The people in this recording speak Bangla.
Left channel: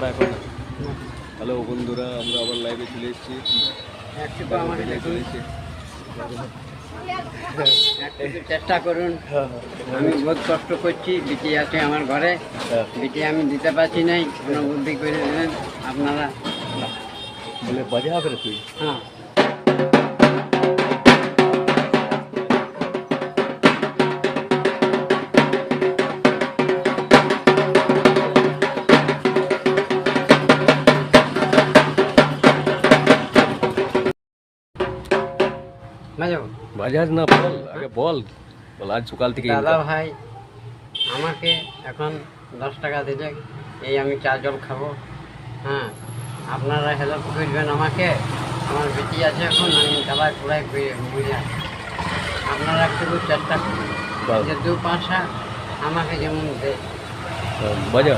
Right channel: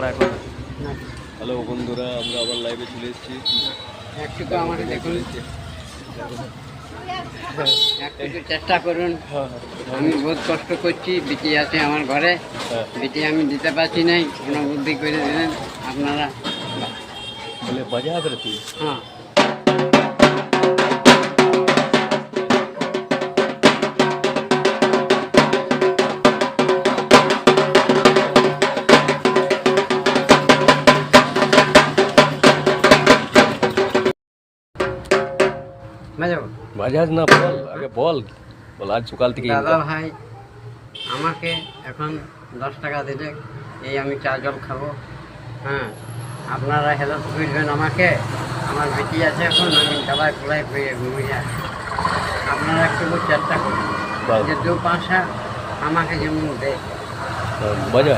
ছাড়া এখন হ্যালো বন্ধুরা আমরা আবার লাইভে চলে এসেছি। একটু আমাকে দেখুন। হ্যাঁ একটু চেষ্টা করুন। হ্যাঁ আমি বহুত কষ্ট করছি বিটি আছে আমার ঘরে। হ্যাঁ। বিটি আমি দিতে পারছি নাই কোনো বুদ্ধি করে দিলেন আপনারা। বলে বাজা ফের তুই। হ্যাঁ। বাজাবো বাজাজ না বল আগে বল। বল আজ সকাল থেকে দাদা ভাই আমাকে এখন দশ টাকা দিলে এই আমি চা জল খাব। হ্যাঁ আপনারা হেল্প করবেন আমাকে। আমার বেটি আছে এখন আমি পুরাই পেয়ে ঘুমিয়ে যাই আপনারা একটু চেষ্টা করুন। যে দু পাঁচটা আমাকে যেমন দেয়। বাহ, বাজা